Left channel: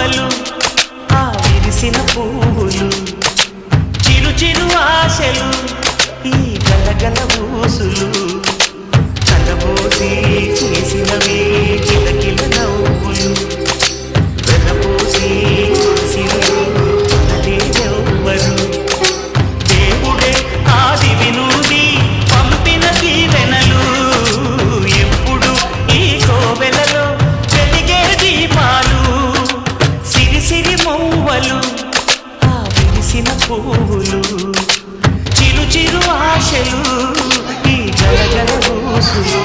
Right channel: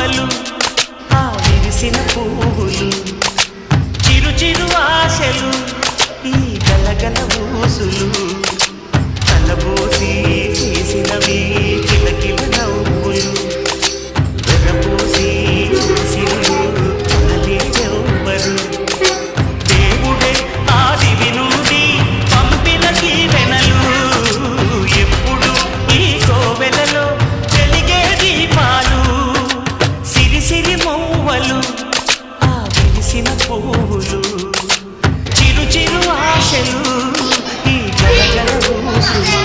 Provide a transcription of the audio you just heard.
మౌవలు ఆ విరిసిన పువ్వులు చిరు చిరు ఆశలు ఈ గలగల ఊసులు కలబోసి చేసినవి కిలకిల నవ్వులు వెనపోసి సిరులు కొనలేదెవ్వరు దేవుడే ఆదివి నుండి పంపిన దీవెనలు ఎప్పుడు ఈ కోవెలలో వెలిగే దీపాలు సిరి సిరి మౌవలు ఆ విరిసిన పువ్వులు చిరు చిరు ఆశలు ఈ గలగల ఊసులు